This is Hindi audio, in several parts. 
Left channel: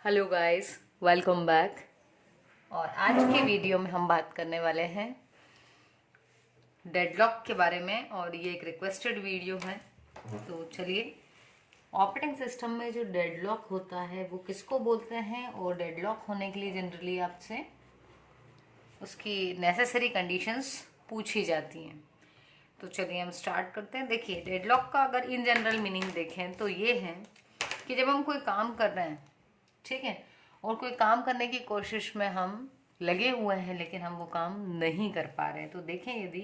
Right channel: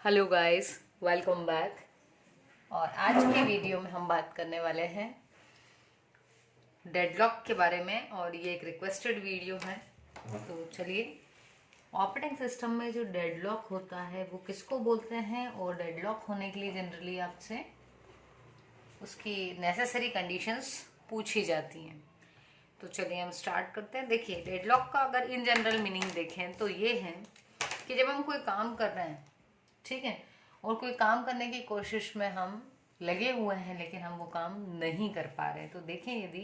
Hello guys, welcome back. और आज के वीडियो में हम बात करने वाले हैं डेडलॉक के बारे में, और ये एक रिक्वेस्टेड वीडियो है। तो चलिए, ऑपरेटिंग सिस्टम में जो डेडलॉक होता है वो किसको बोलते हैं, और डेडलॉक होने के लिए जनरली आपसे उसकी नेसेसरी कंडीशंस पूछी जाती हैं। तो चलिए हम स्टार्ट करते हैं। देखिए, डेडलॉक का अगर इन जनरल मीनिंग देखें तो ये है कि जब हम कोई काम कर रहे हैं, ठीक है, और कोई काम करने की कोशिश में हम लगे हुए हैं लेकिन हम वो काम नहीं कर पा रहे हैं, तो देखें यदि,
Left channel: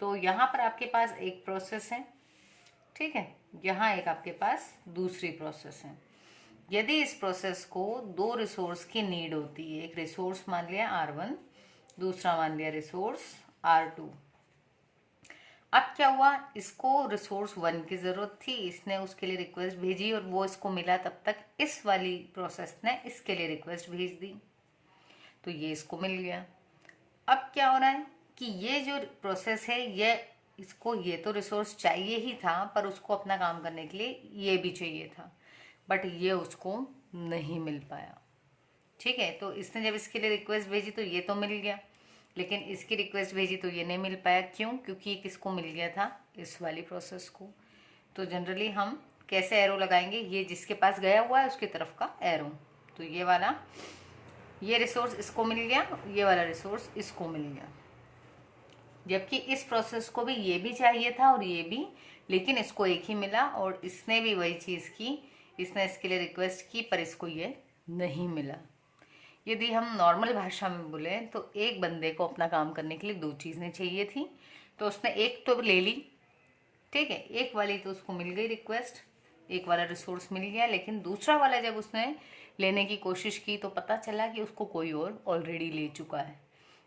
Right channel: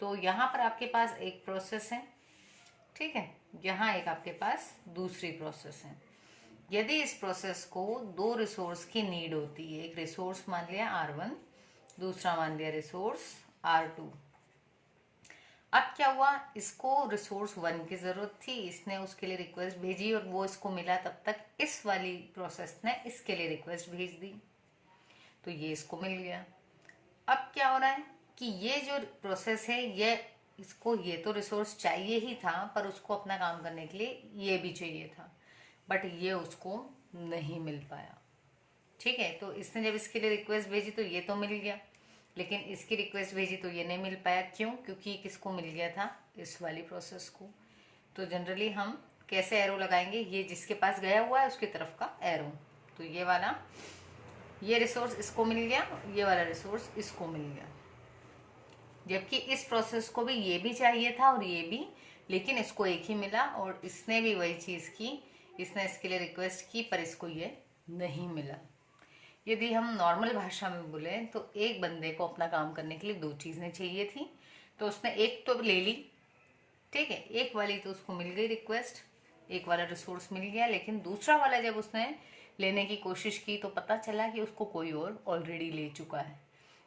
तो यहाँ पर आपके पास एक प्रोसेस है, ठीक है, यहाँ एक आपके पास दूसरी प्रोसेस है। यदि इस प्रोसेस को दो रिसोर्स की नीड होती है, एक रिसोर्स मान लिया R1, दूसरा मान लिया रिसोर्स R2। अब क्या हुआ, इसको रिसोर्स 1 की जरूरत थी, इसने उसके लिए रिक्वेस्ट भेजी और वो इसको मिला, तब तक इस वाली प्रोसेस ने इसके लिए रिक्वेस्ट भेज दी, तो ये इसको मिल गया। अब क्या हो रहा है कि ये जो प्रोसेस है, ये तो रिसोर्स चाहिए ही था, पर उसको अपना काम करने के लिए ये भी चाहिए था, बट ये उसको नहीं मिल पाया। ठीक है, तो इसने जब इसके लिए रिक्वेस्ट भेजी तो ये तो मिल गया, लेकिन इसकी रिक्वेस्ट भेजी तो ये नहीं मिल पाया। क्यों? क्योंकि किसको मिल गया था, इस वाली प्रोसेस को। तो जनरली हम कैसे एरो लगाएंगे, ये जिसके पास गया हुआ है उसकी तरफ का एरो। तो ये वाला, ये रिसोर्स इसको मिल गया, ये वाला रिसोर्स इसको मिल गया, जबकि इस प्रोसेस को भी ये भी चाहिए था और ये भी, लेकिन इसको एक ही मिला, और इसने भी वही चीज की, इसने इसके लिए रिक्वेस्ट की पर इसको ये नहीं मिला। यदि हम नॉर्मल भाषा में बोले तो एक बंदे को अपना काम करने के लिए दो चीजें चाहिए थी, तो उसने एक तो ले ली, ठीक है, एक वाली तो उसको मिल गई रिक्वेस्ट, एक वाला रिसोर्स मिल गया, लेकिन दूसरा वाला जब उसने लेने की कोशिश की तो पता चला कि उसको कोई और ऑलरेडी ले चुका है।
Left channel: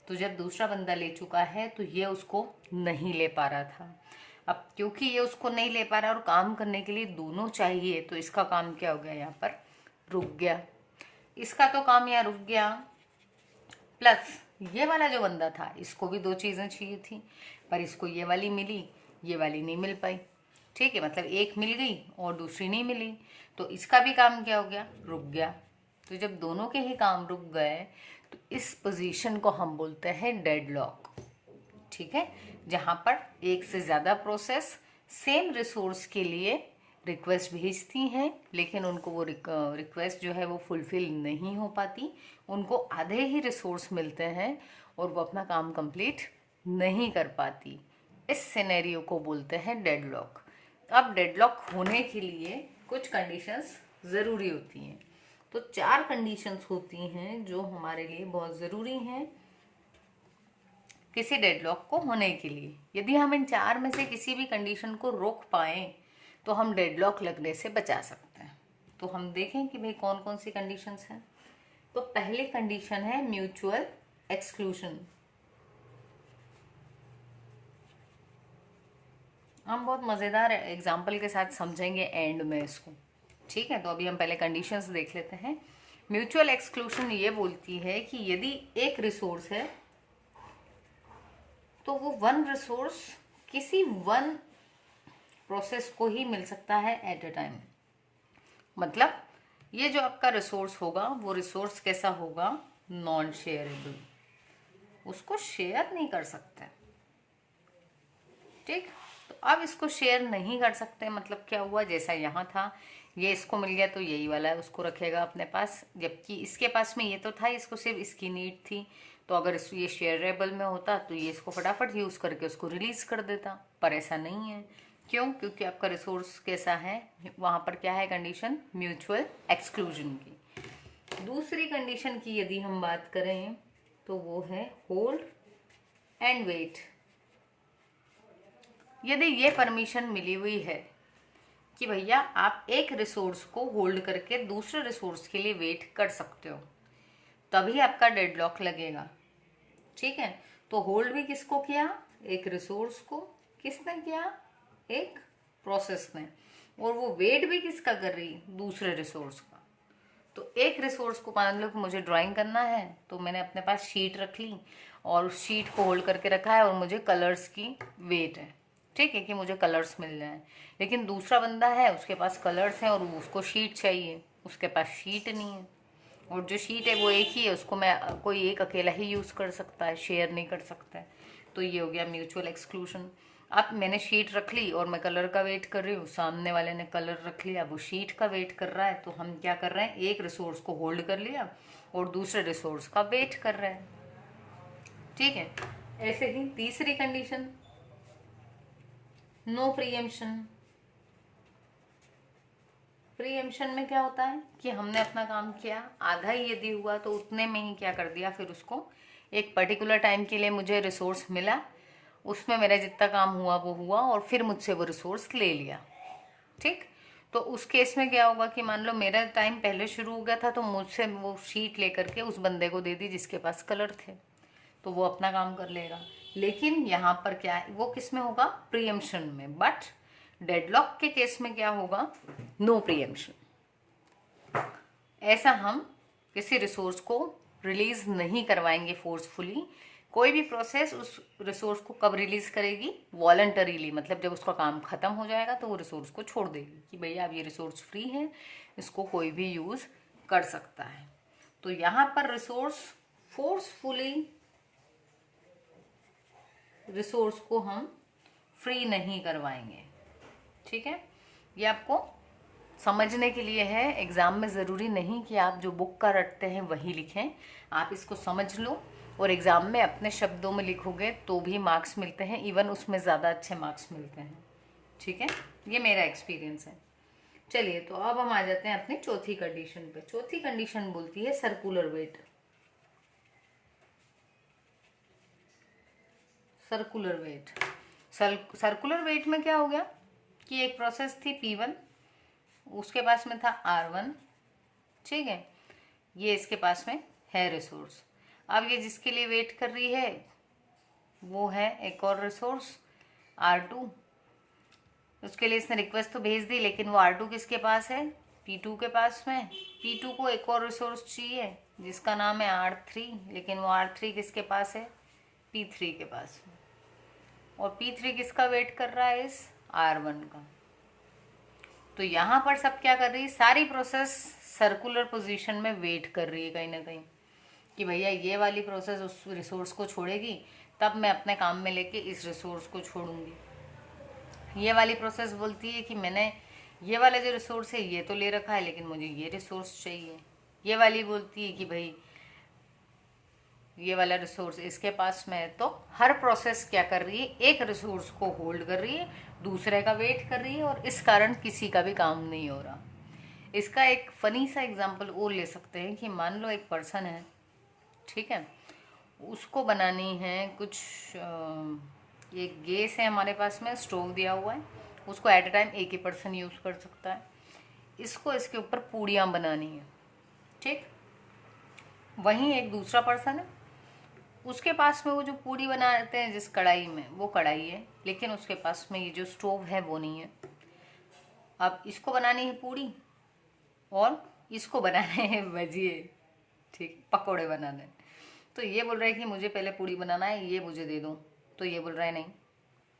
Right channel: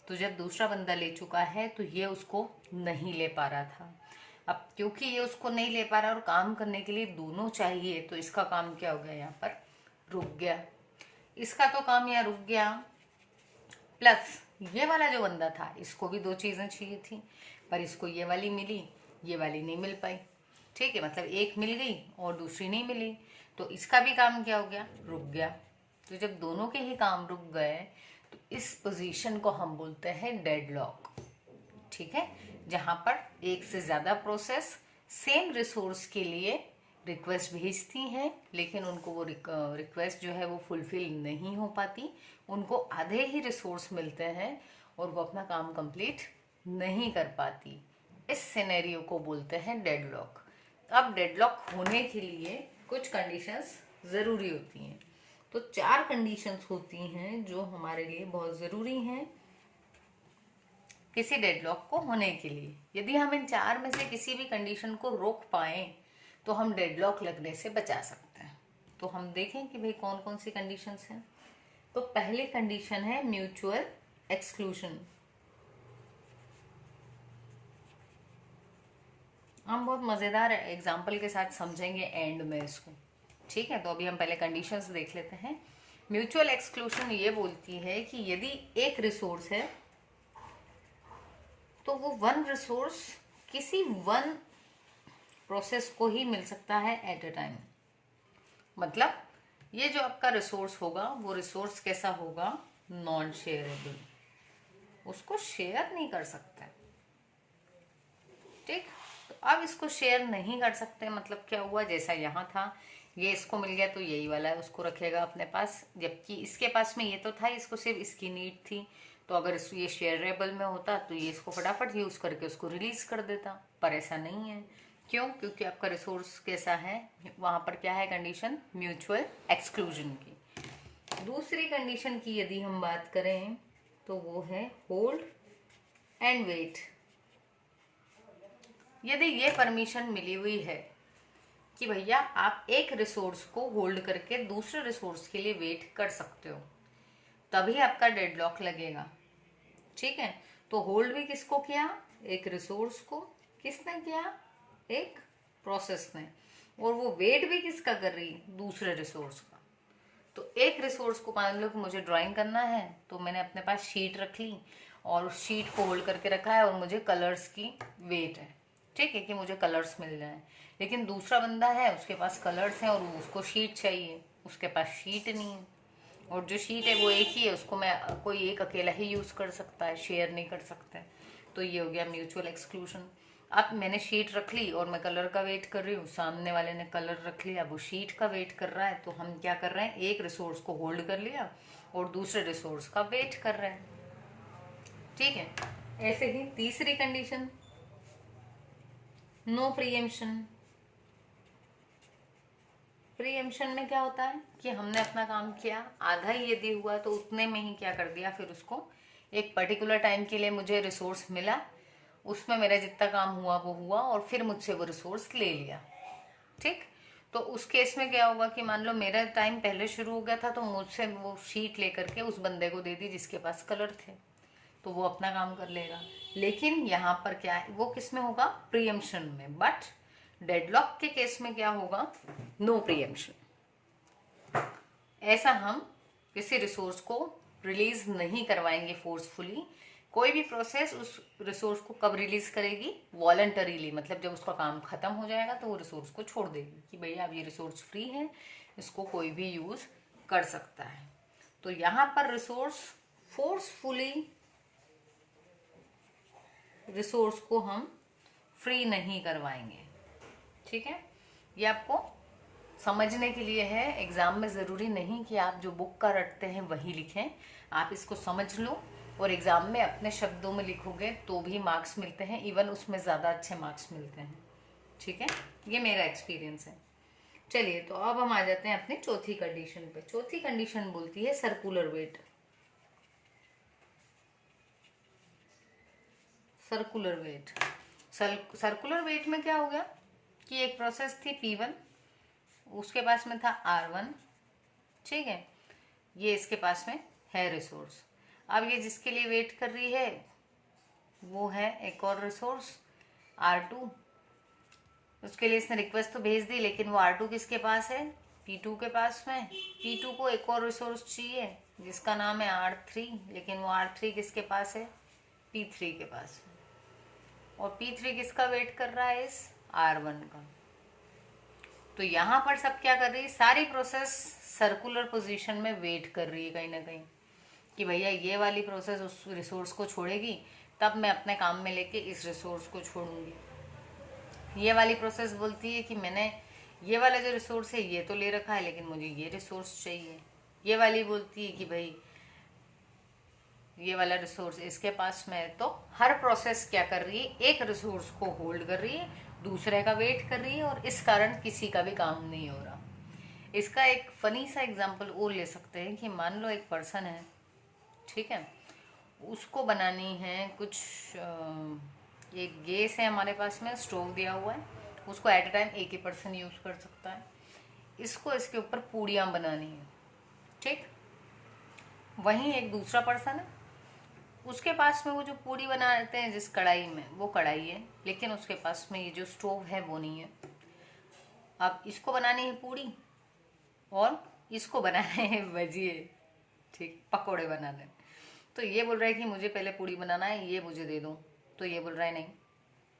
तो जब दूसरा बंदा ले चुका है तो ये उसको नहीं ले पा रहा था। अब क्योंकि ये उसको नहीं ले पा रहा और काम करने के लिए दोनों चाहिए, तो इसका काम क्या हो गया, यहाँ पर रुक गया। इसका तो काम यहाँ रुक गया, प्लस ये वाला जो बंदा था इसको भी दो चीजें चाहिए थी, पर इसको ये वाली मिली, ये वाली नहीं मिल पाई। ठीक है, मतलब एक मिल गई और दूसरी नहीं मिली, तो इसका भी काम क्या हो गया, रुक गया। तो जब दोनों के ही काम रुक गए तो इस पोजीशन को हम बोलते हैं डेडलॉक। ठीक है, जहां पर एक से ज्यादा प्रोसेस सेम रिसोर्स के लिए रिक्वेस्ट भेजती हैं, लेकिन उनको वो रिक्वेस्ट जो है वो फुलफिल नहीं हो पाती, उनको आधे ही रिसोर्स मिलते हैं और वो अपना काम कंप्लीट नहीं कर पाती। इस सिनेरियो को बोलते हैं डेडलॉक। अब डेडलॉक होने के लिए कुछ कंडीशंस जरूरी होती हैं। तो 4 कंडीशंस होती हैं जो हमारे लिए बहुत जरूरी हैं किसी डेडलॉक को होने के लिए। यदि हम इन 4 में से किसी भी कंडीशन को रोक पाए तो हम डेडलॉक लगने से बचा सकते हैं। तो हम देखें कि भाई कौन कौन सी कंडीशंस हैं। तो पहली कंडीशन है म्यूचुअल एक्सक्लूजन। हम बहुत मजेदार एग्जाम्पल के साथ समझेंगे एंड में इसको। ठीक है, तो अभी हम पहले कंडीशंस देख लेते हैं। म्यूचुअल एक्सक्लूजन ये बोलती है कि यदि एक रिसोर्स है तो वो वन रिसोर्स किसी वन प्रोसेस को ही मिल सकता है एट अ टाइम। मतलब ये जो आपका रिसोर्स होगा वो रिसोर्स कैसा होगा, नॉन शेयरेबल, उसको शेयर नहीं कर सकते। ठीक, तो अब इसको शेयर नहीं कर सकते, मतलब क्या हुआ, जैसा यहाँ था, ये इसको मिल गया तो यही वाला है उसको रखेगा अपने पास, जबकि इसके पास में ये तो था, इसको सिर्फ इसकी नीड थी। तो अगर ये शेयरेबल में होता तो ये इसको फटाफट यूज करके उसको रिलीज कर देता, पर ऐसा नहीं है। क्यों? क्योंकि आपका रिसोर्स कैसा है, वहां पर क्या है कंडीशन, म्यूचुअल एक्सक्लूजन की। दूसरी कंडीशन की यदि हम बात करें तो वो है होल्ड एंड वेट। यदि ये परमिशन मिली हुई है कि भैया आप एक रिसोर्स को होल्ड करके दूसरे रिसोर्स के लिए वेट कर सकते हो, तभी आपका डेडलॉक लगेगा। ठीक है, तो होल्ड भी किसको किया, एक रिसोर्स को, किसने किया, एक प्रोसेस ने, और वो वेट भी किसका कर रही, दूसरे रिसोर्स का। तो एक रिसोर्स को, मान लो कि मुझे ड्राइंग करना है, तो मैंने अपने पास शीट रख ली और उस शीट को होल्ड करके रखा है, और मुझे कलर्स की वेट है, ठीक है, कि मुझे कलर्स मिल जाए। लेकिन दूसरा बंदा है, उसके पास कलर्स हैं और उसको शीट चाहिए, उसके पास शीट नहीं है। और जो शीट है वो एक ही है, उसको मैं कोई एक अकेला ही यूज़ कर सकता है, शेयर नहीं कर सकता है। तो ये हो गया म्यूचुअल एक्सक्लूजन। अब मैंने शीट रख ली और मैं कलर का वेट कर रही हूँ, सामने वाले ने कलर रख लिया, वो शीट का वेट कर रहा है। तो हम क्या कर रहे हैं, एक रिसोर्स को होल्ड कर लिया और दूसरे रिसोर्स का वेट कर रहे हैं। ठीक है। ऐसे ही तीसरी कंडीशन, नो प्रीएम्पशन। प्रीएम्पशन में क्या होता है कि हमने अपना काम किया, आधा ही यदि हुआ तो उतने में ही क्या कर दिया, फिर उसको एक पर्टिकुलर टाइम के लिए मुझे रिसोर्स मिला, उसमें मेरा जितना काम हुआ वो हुआ और फिर मुझसे वो रिसोर्स ले लिया। ठीक। तो उस केस में क्या होगा कि मान लो मेरा टाइम पहले शुरू हो गया था, तो मुझसे वो शीट लेकर के उस बंदे को दे दी जिसके पास कलर थे, तो वो अपना काम कर लेगा। लेकिन यहाँ पर क्या है, वो किस में होगा, प्रीएम्पशन में। बट डेडलॉक के केस में क्या होगा, नो प्रीएम्पशन। ऐसा हम किसी रिसोर्स को रिलीज नहीं करवाएंगे फोर्सफुली। कोई भी प्रोसेस उस रिसोर्स को कब रिलीज करेगी, वॉलंटरीली, मतलब जब उसका काम खत्म हो जाएगा तो वो रिसोर्स को छोड़ देगी कि भैया अब ये रिसोर्स फ्री है, इसको कोई भी यूज कर सकता है। तो यहाँ पर रिसोर्स फोर्सफुली रिसोर्स को हम फ्री नहीं करवाएंगे। ठीक है। ये आपको समझने के लिए है, एग्जाम में ज़रूरी नहीं कि आप जो बुक का रटते हैं वही लिखें। आप इसको समझ लो और एग्जाम में अपने शब्दों में लिखोगे तो भी मार्क्स मिलते हैं, इवन उसमें ज़्यादा अच्छे मार्क्स मिलते हैं। ठीक है, ये मेरा एक्सपीरियंस है। चलिए, तो अब हम आ जाते हैं अपनी चौथी कंडीशन पे। चौथी कंडीशन बोलती है circular wait. Circular wait, circular wait में क्या हो गया कि एक प्रोसेस थी P1, उसके पास में था R1। ठीक है, ये इसके पास में है रिसोर्स। अब ये जिसके लिए वेट कर रही है वो है एक और रिसोर्स R2। उसके लिए इसने रिक्वेस्ट तो भेज दी, लेकिन वो R2 किसके पास है, P2 के पास में। P2 को एक और रिसोर्स चाहिए जिसका नाम है R3, लेकिन वो R3 किसके पास है, P3 के पास में। और P3 किसका वेट कर रहा है, इस R1 का। तो यहां पर सब क्या कर रही है, सारी प्रोसेस सर्कुलर पोजीशन में वेट कर रही है कहीं ना कहीं कि भैया ये वाली प्रोसेस उस रिसोर्स को छोड़ेगी, तब मैं अपने काम में लेके इस रिसोर्स को छोड़ूंगी। ये वाली प्रोसेस बोलती है कि मैंने ये वाला जो रिसोर्स है ये तो ले रखा है, लेकिन मुझे ये रिसोर्स चाहिए। ये वाली बोलती है कि भाई ये वाला रिसोर्स इसके पास में है। तो हर प्रोसेस क्या कर रही है, एक रिसोर्स को होल्ड कर रही है, दूसरे का वेट कर रही है, और इस कारण किसी का भी काम नहीं हो रहा। इसका एक फनी सा एग्जांपल और ले सकते हैं कि मान लो एक पर्सन है, ठीक है, उसको बनानी है कुछ एक गैस है हमारे पास में, स्टोव दिया हुआ है, उसको एट अ टाइम एक ही पर्सन यूज कर सकता है। इसको इसके ऊपर पूड़ियाँ बनानी है। ठीक। वहीं एक दूसरा पर्सन है, उसके पास में वो जो पूड़ी बनाते हैं जिस कढ़ाई में, वो कढ़ाई है, लेकिन उसके पास में ये जो स्टोव है वो नहीं है। अब इसको बनानी है पूड़ी और इसको बनाने हैं भजिए, ठीक, पकोड़े बनाने। तो ये बोल रहा है कि मुझे पहले पूड़ी बनाना है, ये मुझे दे दो। तो ये बोल रहा है नहीं,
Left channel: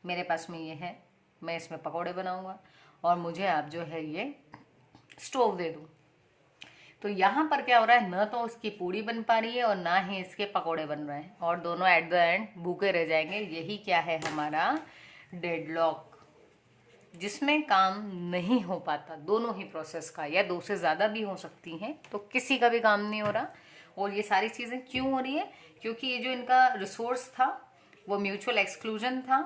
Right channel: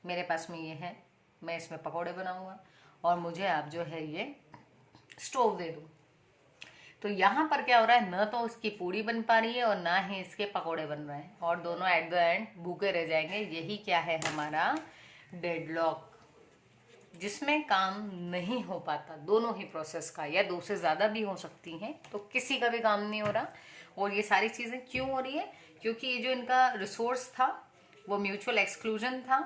मेरे पास में ये है, मैं इसमें पकोड़े बनाऊंगा और मुझे आप जो है ये स्टोव दे दो। तो यहाँ पर क्या हो रहा है, न तो इसकी पूड़ी बन पा रही है और ना ही इसके पकोड़े बन रहे हैं, और दोनों एट द एंड भूखे रह जाएंगे। यही क्या है हमारा डेडलॉक, जिसमें काम नहीं हो पाता दोनों ही प्रोसेस का, या दो से ज़्यादा भी हो सकती हैं, तो किसी का भी काम नहीं हो रहा। और ये सारी चीज़ें क्यों हो रही है, क्योंकि ये जो इनका रिसोर्स था वो म्यूचुअल एक्सक्लूजन था।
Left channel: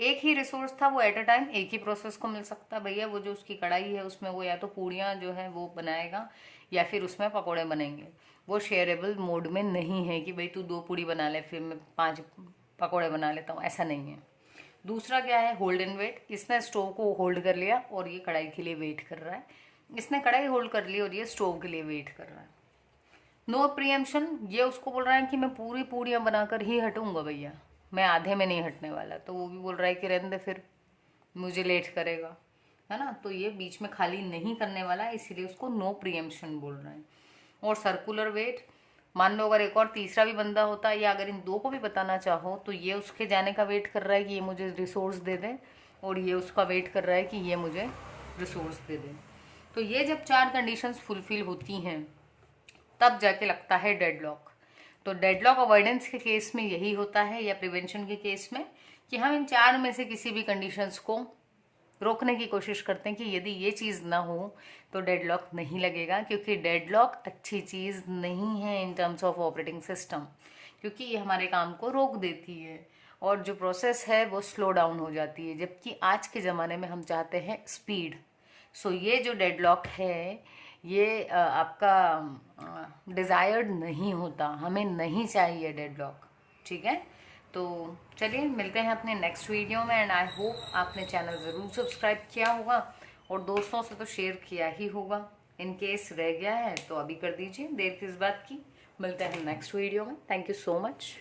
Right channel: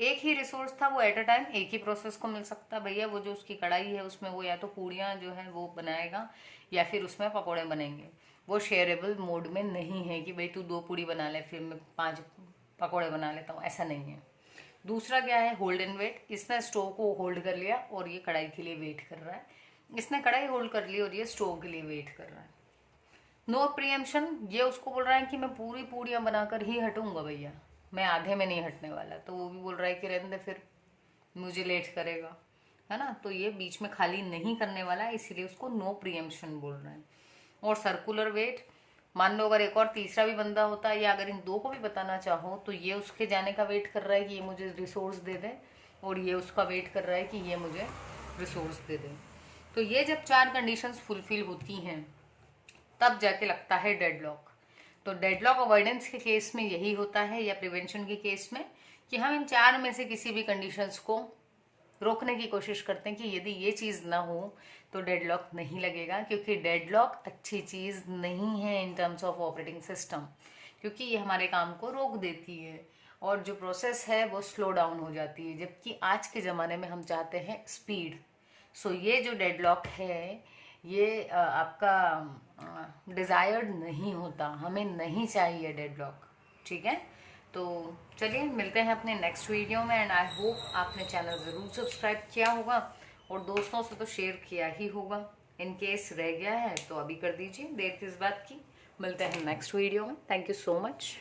एक ही रिसोर्स था, वो एट अ टाइम एक ही प्रोसेस को मिल सकता। भैया वो जो उसकी कढ़ाई है उसमें वो या तो पूड़ियाँ जो है वो बनाएगा या फिर उसमें पकौड़े बनेंगे। वो शेयरेबल मोड में नहीं है कि भाई तू 2 पूड़ी बना ले फिर मैं 5 पकौड़े बना लेता हूँ, ऐसा नहीं है। दूसरा क्या है, होल्ड एंड वेट। इसने स्टोव को होल्ड कर लिया और ये कढ़ाई के लिए वेट कर रहा है। इसने कढ़ाई होल्ड कर ली और ये स्टोव के लिए वेट कर रहा है। नो प्रीएम्पशन, ये उसको बोल रहा है कि मैं पूरी पूड़ियाँ बनाकर ही हटूंगा भैया, मैं आधे में नहीं हटने वाला। तो वो भी बोल रहा है कि रहने दे फिर, मुझे लेट करेगा, है ना। तो ये बीच में खाली नहीं करने वाला है, इसीलिए उसको नो प्रीएम्पशन बोल रहे हैं। और सर्कुलर वेट, मान लो अगर एक और तीसरा भी बंदा होता, या अगर इन दो को भी बताना चाहो, तो ये उसके जाने का वेट कर रहा है कि ये मुझे रिसोर्स दे दे, और ये उसका वेट कर रहा है कि ये मुझे रिसोर्स दे दे। तो ये जब 4 कंडीशंस फुलफिल होती हैं तब जाके लगता है डेडलॉक। तो डेडलॉक अवॉइडेंस के केस में यही होता है, या प्रिवेंशन के केस में, कि हम इन 4 में से किसी भी कंडीशंस को रोकने की कोशिश करते हैं कि यदि ये चीज़ ना हो तो डेडलॉक नहीं लगेगा, क्योंकि डेडलॉक अच्छी चीज़ नहीं है in terms of operating system, क्योंकि ये हमारे काम को रोक देती है और जो प्रोसेस है वो स्लो डाउन हो जाती है, जबकि आज के ज़माने में हम चाहते हैं स्पीड। सो ये जो डेडलॉक है ये आपका डिज़ायर्ड नहीं होता, हमें नहीं चाहिए डेडलॉक। ठीक है, तो चलिए मिलते हैं अपने नेक्स्ट वीडियो में। एंड आई होप आपने चैनल ज़रूर सब्सक्राइब किया होगा और दोस्तों से तो शेयर किया ही होगा। इन केस रह गया है तो अभी कर दीजिए, देर किस बात की। मिलते हैं नेक्स्ट वीडियो में। Thank you so much.